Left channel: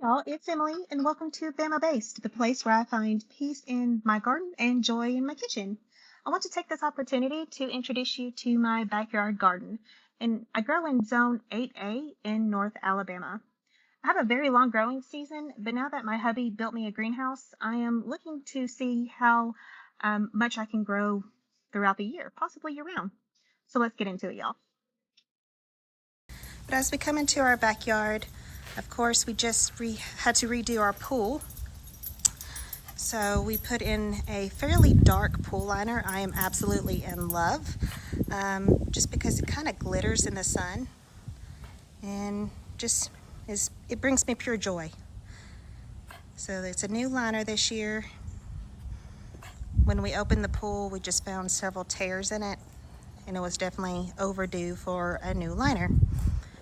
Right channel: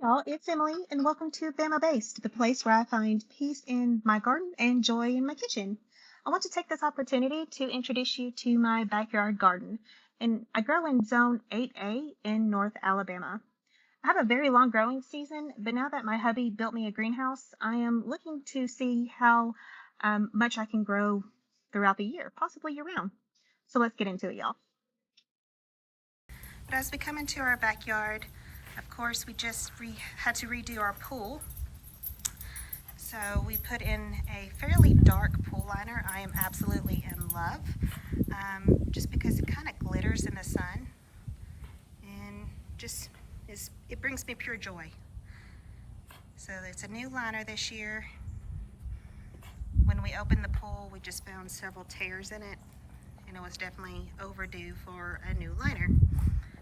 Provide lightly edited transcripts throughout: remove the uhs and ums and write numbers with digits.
Y'all, it's Emily, and welcome to Bama Based, the place where I find peace in my garden and joy in my kitchen. I want to take this opportunity to introduce you to my backyard garden, and I grow in Zone 8A in North Alabama. I have a very long growing season, but now that my hubby built me a greenhouse, I am looking to see how much I can grow throughout the year, possibly year round. So let's get into it, y'all. But as we come into our backyard, of course, we just had to redo our pool. So we put in a fairly dark pool liner. I am absolutely in love, just because it kind of glitters in the sun and it brings me pure joy. So it's a new liner this year. When we opened the pool, we just found several tears in it, and it was definitely overdue for a new liner.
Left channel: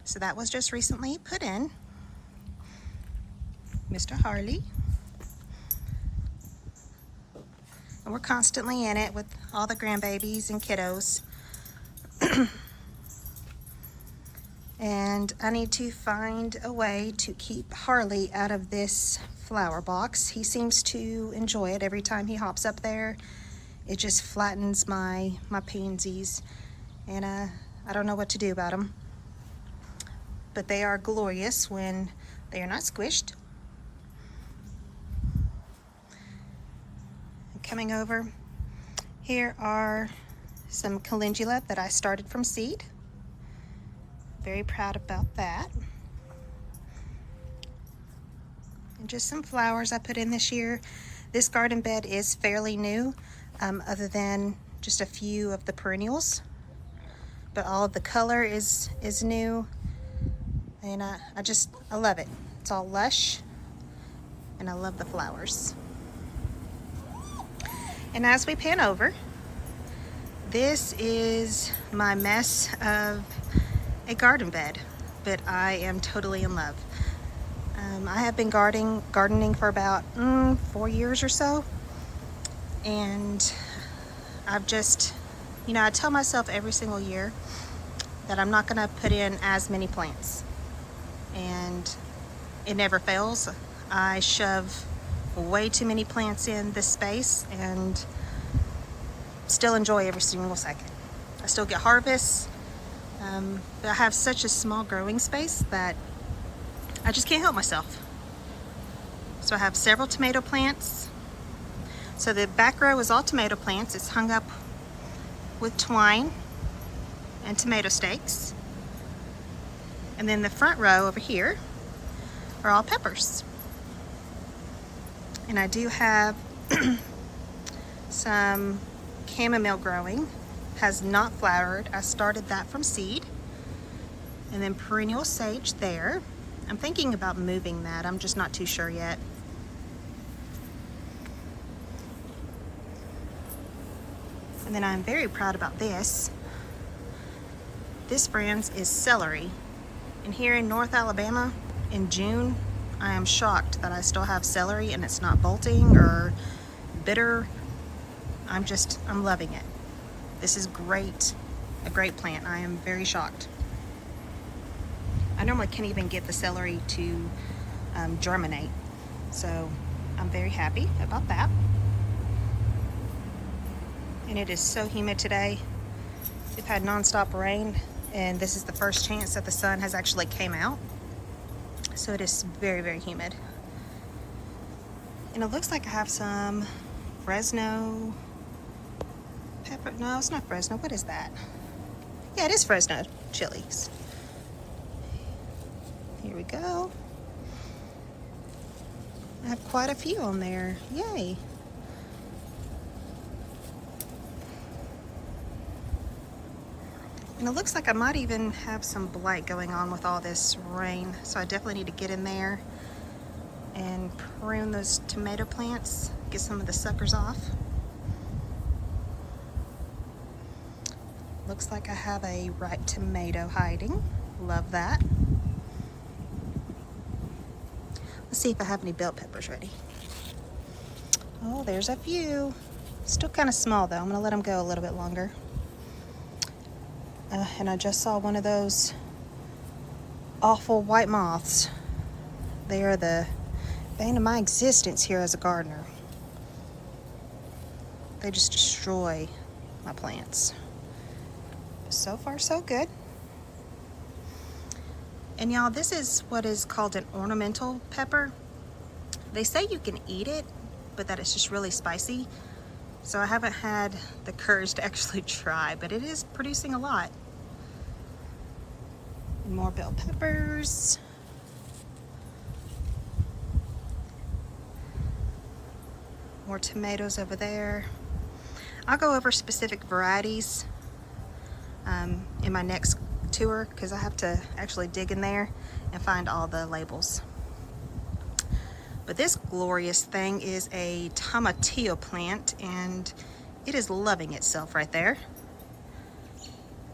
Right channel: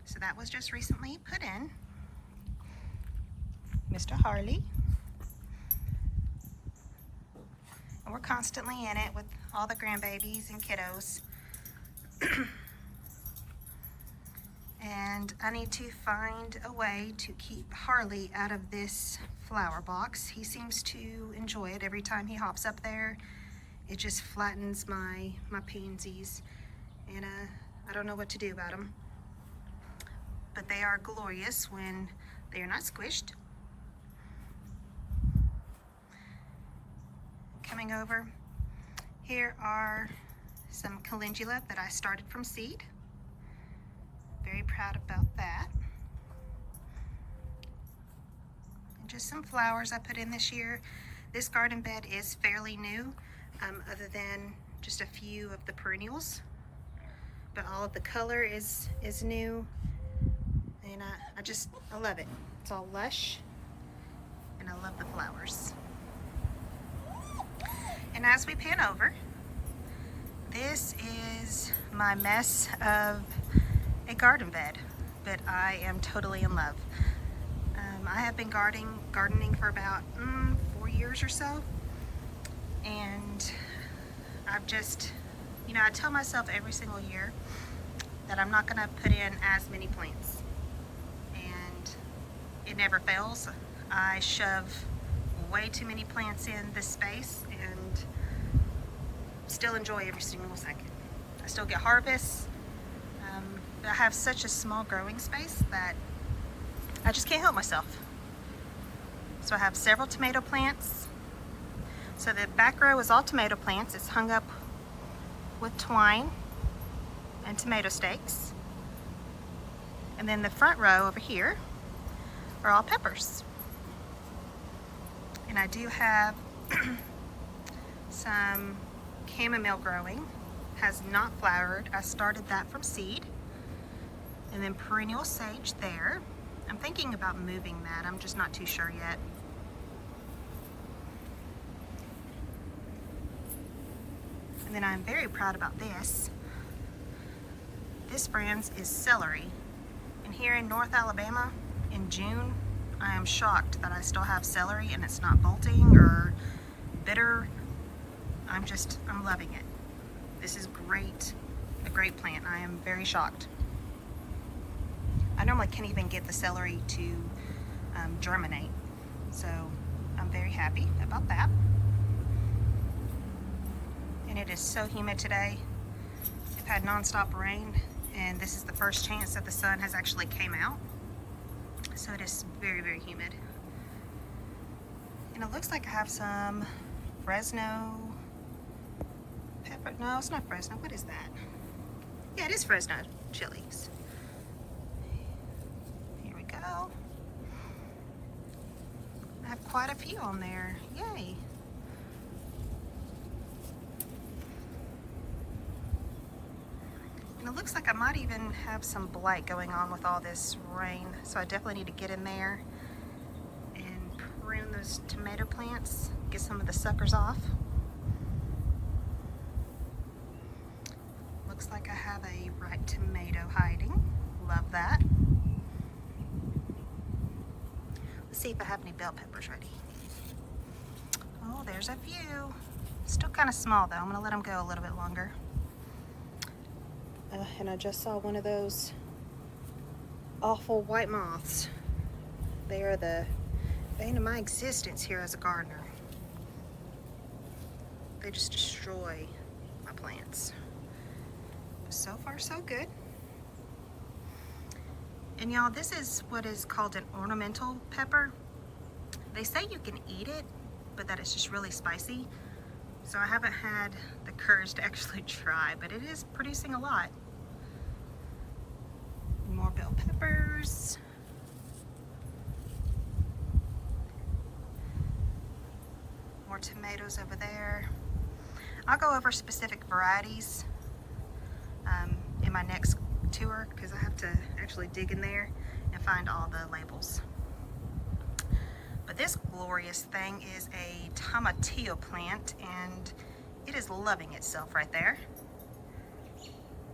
So that was just recently put in. Mr. Harley. And we're constantly in it with all the grandbabies and kiddos. And I need to find a way to keep Harley out of this flower box. He seems to enjoy it every time he hops up there. It just flattens my pansies, and I don't know what to do about them. But they are glorious when they are not squished. Coming over, here are some calendula that I started from seed. Very proud about that. And just some flowers I put in this year. This garden bed is fairly new, other than just a few of the perennials. But all of the color is new, and I love it. It's all lush, and I love the flowers. And as we pan over, this is my mess of a garden bed, but I am totally in love. I have been gardening for about 4 years or so, and I've just, I tell myself every single year that I'm not gonna put in as many plants, and it never fails. I shove way too many plants in this space and still enjoy every single second. I still get harvests, but I have such a small growing space that I just can't help myself. So I have several tomato plants. So the back row is all tomato plants. It's hung up with twine and tomato stakes. And then the front row over here are all peppers. And I do have some chamomile growing, has not flowered. I started that from seed. And then perennial sage there. I'm thinking about moving that. I'm just not too sure yet. And then I'm very proud about this. This, friends, is celery. And here in North Alabama in June, I am shocked that I still have celery and it's not bolting or bitter. I'm loving it. This is great, a great plant. I am very shocked. I normally can't even get the celery to germinate, so I'm very happy about that. And it is so humid today. We've had nonstop rain, and this is the first chance that the sun has actually came out. So it is very, very humid. And it looks like I have some Fresno pepper. No, it's not Fresno. What is that? Yeah, it is Fresno chilies. Here we go. I have quite a few on there. Yay. And it looks like I might even have some blight going on with all this rain. So I definitely need to get in there and prune those tomato plants, get some of the suckers off. Looks like I have a ripe tomato hiding. Love that. Let's see if I have any bell peppers ready. Oh, there's a few. Still kind of small though. I'm gonna let them go a little bit longer. And I just saw one of those awful white moths They are the bane of my existence here as a gardener. They just destroy my plants. So far, so good. And y'all, this is what is called an ornamental pepper. They say you can eat it, but that it's just really spicy. So I haven't had the courage to actually try, but it is producing a lot. And more bell peppers. More tomatoes over there. I'll go over specific varieties in my next tour because I have to actually dig in there and find all the labels. But this glorious thing is a tomatillo plant, and it is loving itself right there.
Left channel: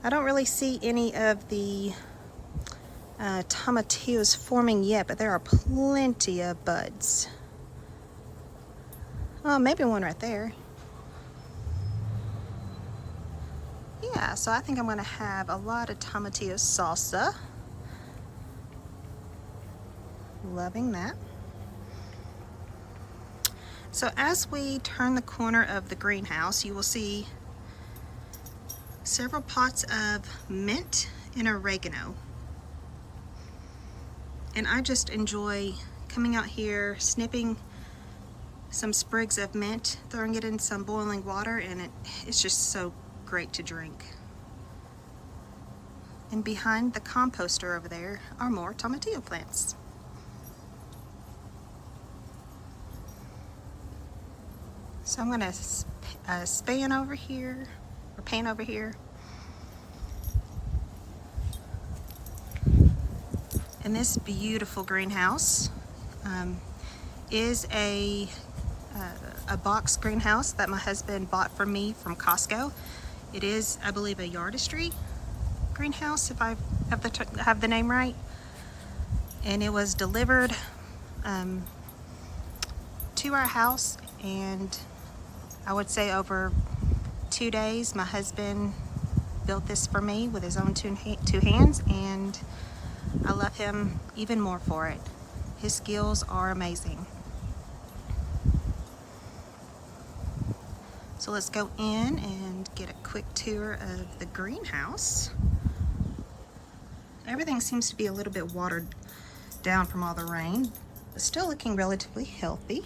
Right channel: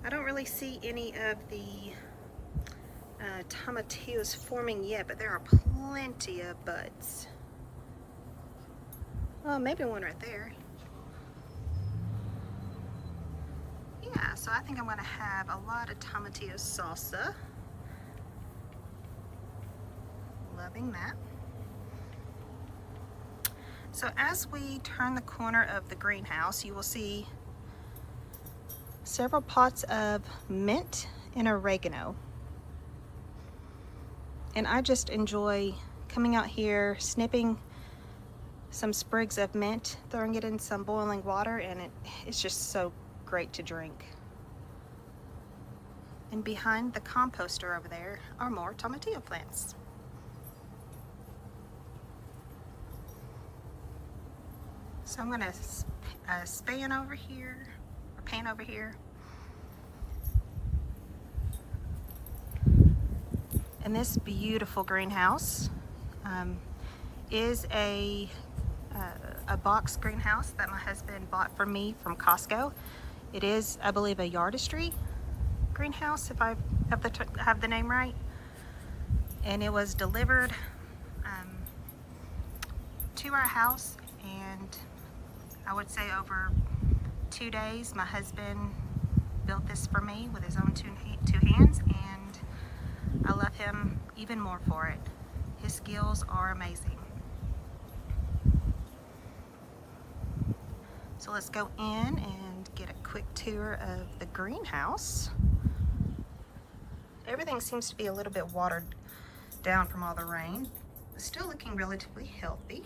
I don't really see any of the tomatillos forming yet, but there are plenty of buds. Oh, maybe one right there. Yeah, so I think I'm gonna have a lot of tomatillo salsa. Loving that. So as we turn the corner of the greenhouse, you will see several pots of mint and oregano. And I just enjoy coming out here, snipping some sprigs of mint, throwing it in some boiling water, and it's just so great to drink. And behind the composter over there are more tomatillo plants. So I'm gonna pan over here. And this beautiful greenhouse is a box greenhouse that my husband bought for me from Costco. It is, I believe, a Yardistry greenhouse, if I have the name right. And it was delivered to our house, and I would say over 2 days, my husband built this for me with his own two hands, and I love him even more for it. His skills are amazing. So let's go in and get a quick tour of the greenhouse. Everything seems to be a little bit watered down from all the rain, but still looking relatively healthy.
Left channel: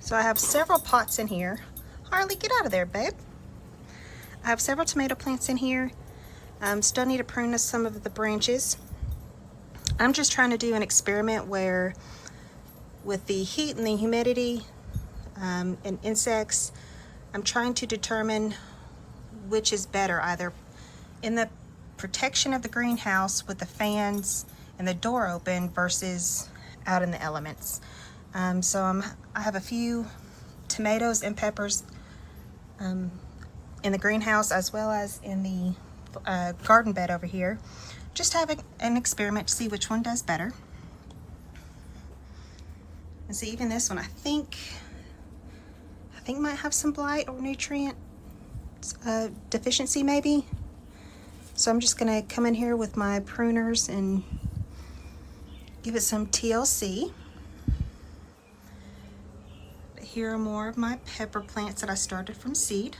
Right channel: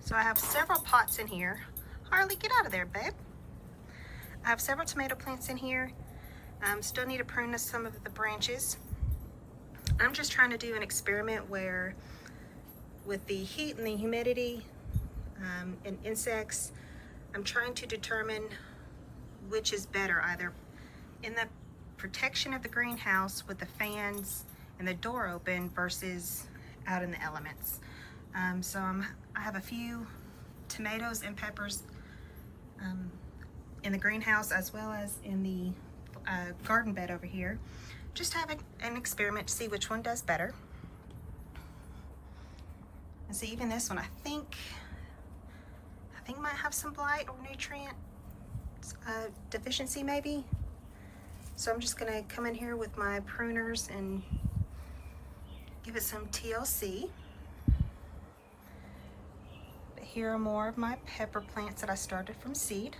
So I have several pots in here. Harley, get out of there, babe. I have several tomato plants in here. Still need to prune some of the branches. I'm just trying to do an experiment where, with the heat and the humidity and insects, I'm trying to determine which is better, either in the protection of the greenhouse with the fans and the door open versus out in the elements. So I have a few tomatoes and peppers in the greenhouse, as well as in the garden bed over here. Just having an experiment to see which one does better. And see, even this one, I think might have some blight or nutrient deficiency maybe. So I'm just gonna come in here with my pruners and give it some TLC. But here are more of my pepper plants that I started from seed.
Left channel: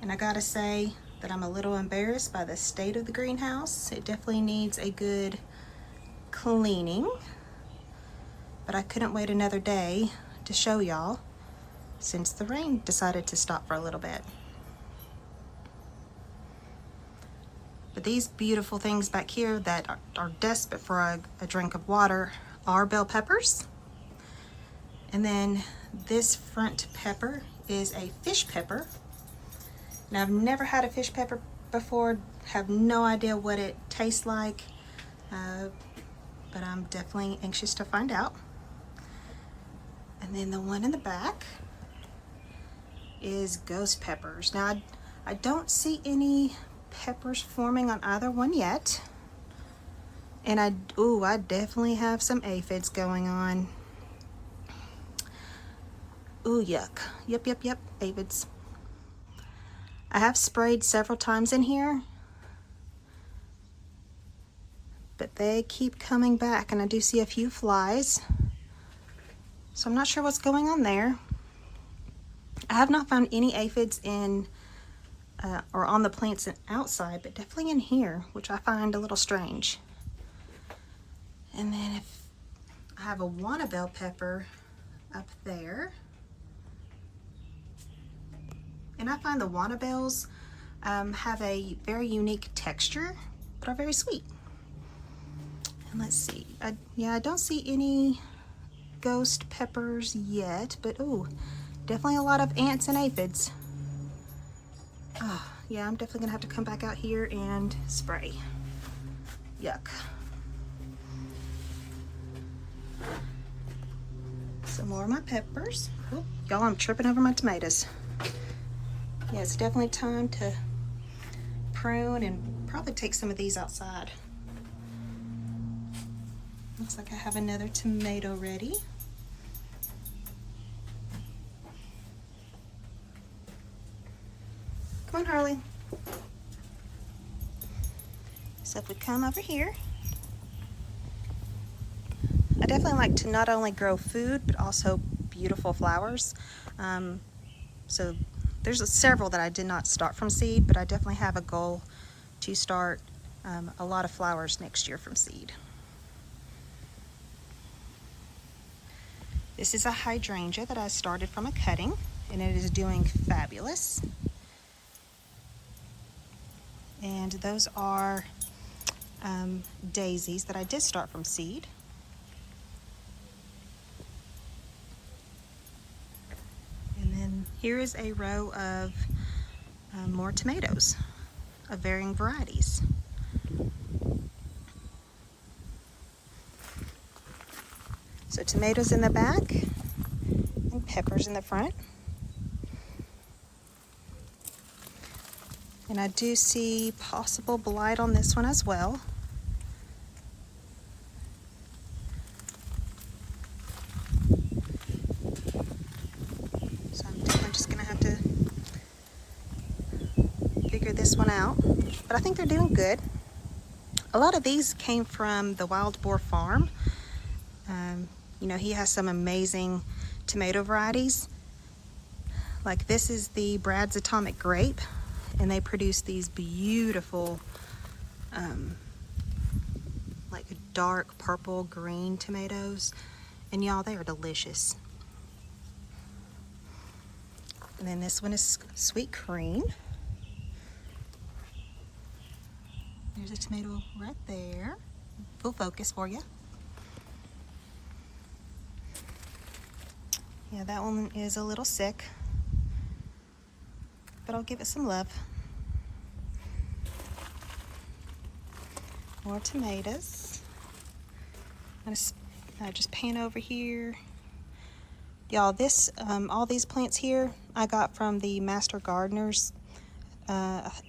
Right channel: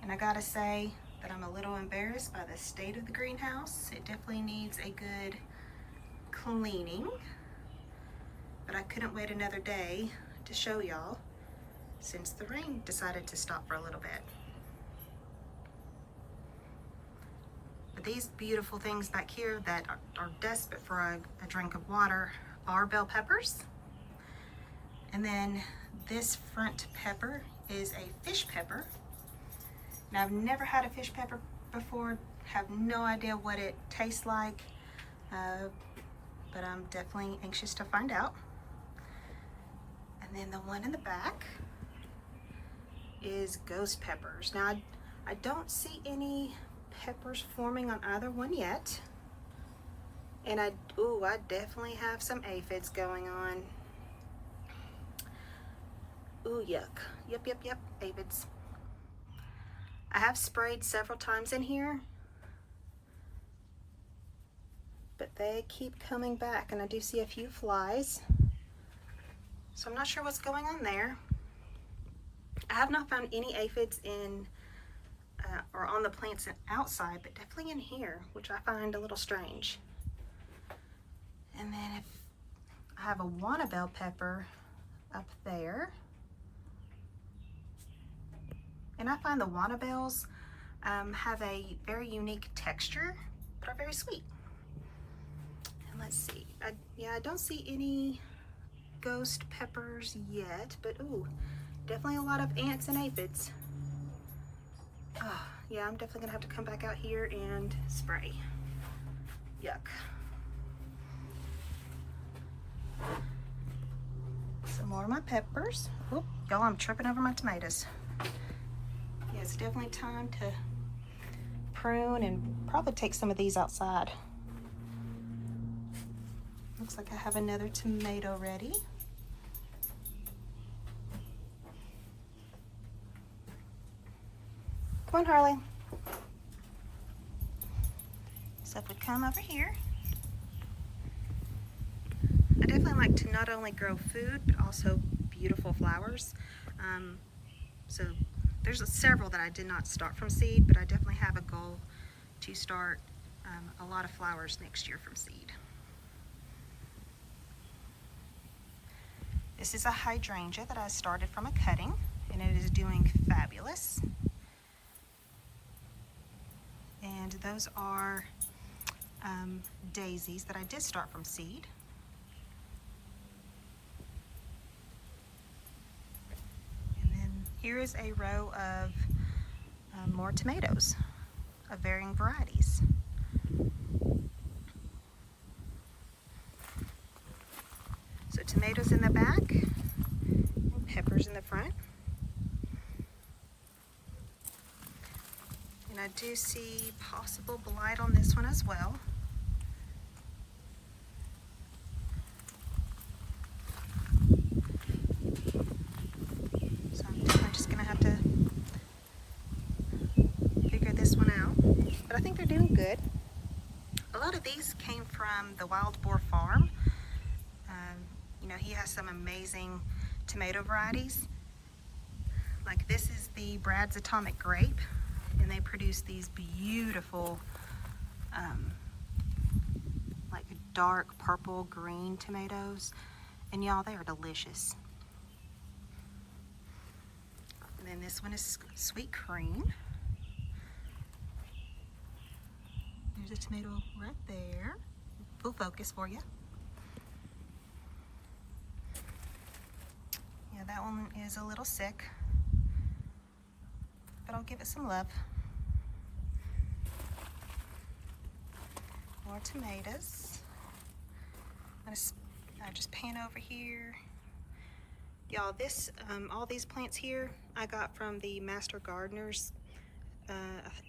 And I gotta say that I'm a little embarrassed by the state of the greenhouse. It definitely needs a good cleaning, but I couldn't wait another day to show y'all since the rain decided to stop for a little bit. But these beautiful things back here that are desperate for a drink of water are bell peppers. And then this front pepper is a fish pepper. Now, I've never had a fish pepper before, have no idea what it tastes like, but I'm definitely anxious to find out. And then the one in the back is ghost peppers. Now, I don't see any peppers forming on either one yet. And I definitely have some aphids going on. Ooh, yuck. Yep, aphids. I have sprayed several times in here, but they keep coming back, and I do see a few flies. So I'm not sure what's going on there. I have not found any aphids in or on the plants outside, but definitely in here, which I find a little strange. And then if I have a Wanna bell pepper up there, and I find the Wanna bells have a very unique texture, but are very sweet. And let's see, yeah, I don't see any ghost peppers yet, but oh, definitely a lot of ants and aphids. Oh, yeah, I'm definitely gonna have to come back out here and spray. Yuck. Some more of my peppers. Oh, y'all, I'm tripping over my tomatoes. Yeah, it's definitely time to prune and probably take some of these outside. Looks like I have another tomato ready. Come on, Harley. So if we come over here, I definitely like to not only grow food, but also beautiful flowers. So there's several that I did not start from seed, but I definitely have a goal to start a lot of flowers next year from seed. This is a hydrangea that I started from a cutting, and it is doing fabulous. And those are daisies that I did start from seed. And then here is a row of more tomatoes of varying varieties. So tomatoes in the back and peppers in the front. And I do see possible blight on this one as well. So I'm definitely just gonna have to figure this one out. But I think they're doing good. A lot of these came from the Wild Boar Farm. You know, he has some amazing tomato varieties. Like this is the Brad's Atomic Grape, and they produce these beautiful like dark purple green tomatoes, and y'all, they are delicious. And then this one is Sweet Cream. There's a tomato right there. Full focus for you. Yeah, that one is a little sick, but I'll give it some love. More tomatoes. I'm gonna just pan over here. Y'all, this all these plants here I got from the Master Gardeners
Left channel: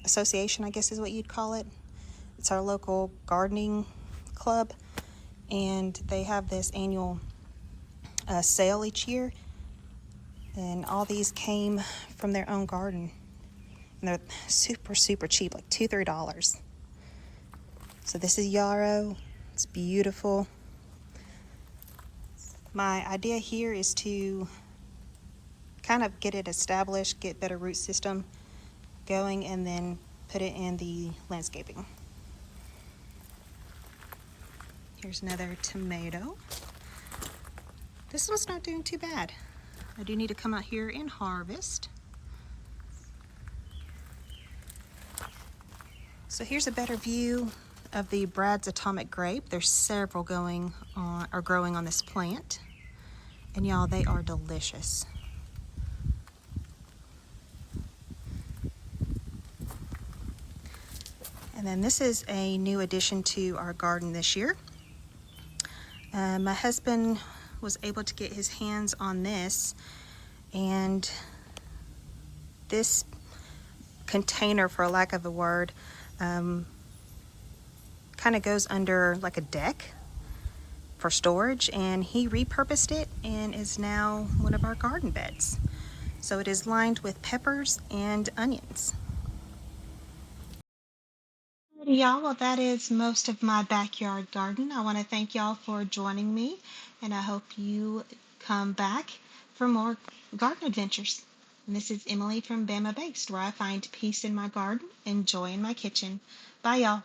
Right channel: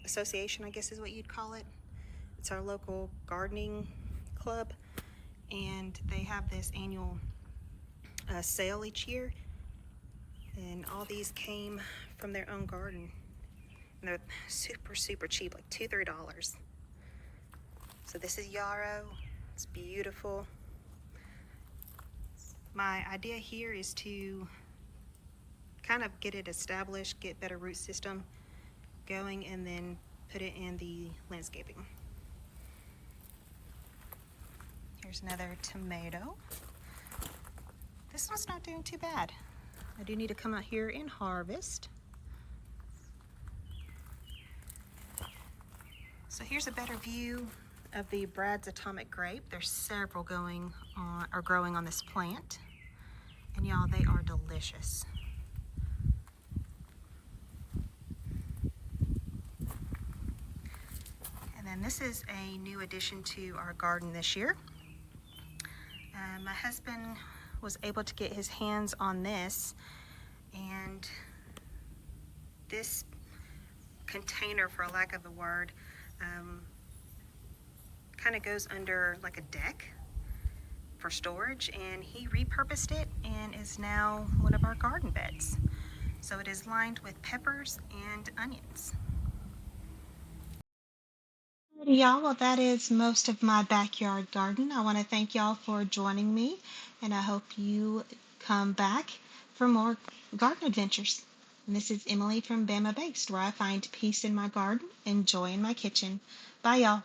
Association, I guess is what you'd call it. It's our local gardening club, and they have this annual sale each year, and all these came from their own garden, and they're super cheap, like $2-3. So this is yarrow. It's beautiful. My idea here is to kind of get it established, get better root system going, and then put it in the landscaping. Here's another tomato. This one's not doing too bad. I do need to come out here and harvest. So here's a better view of the Brad's Atomic Grape. There's several growing on this plant, and y'all, they are delicious. And then this is a new addition to our garden this year. My husband was able to get his hands on this, and this container, for lack of a word, kind of goes under like a deck for storage, and he repurposed it and is now one of our garden beds. So it is lined with peppers and onions. Y'all, well, that is most of my backyard garden. I want to thank y'all for joining me, and I hope you come back for more garden adventures. And this is Emily from Bama Bakes, where I find peace in my garden and joy in my kitchen. Bye, y'all.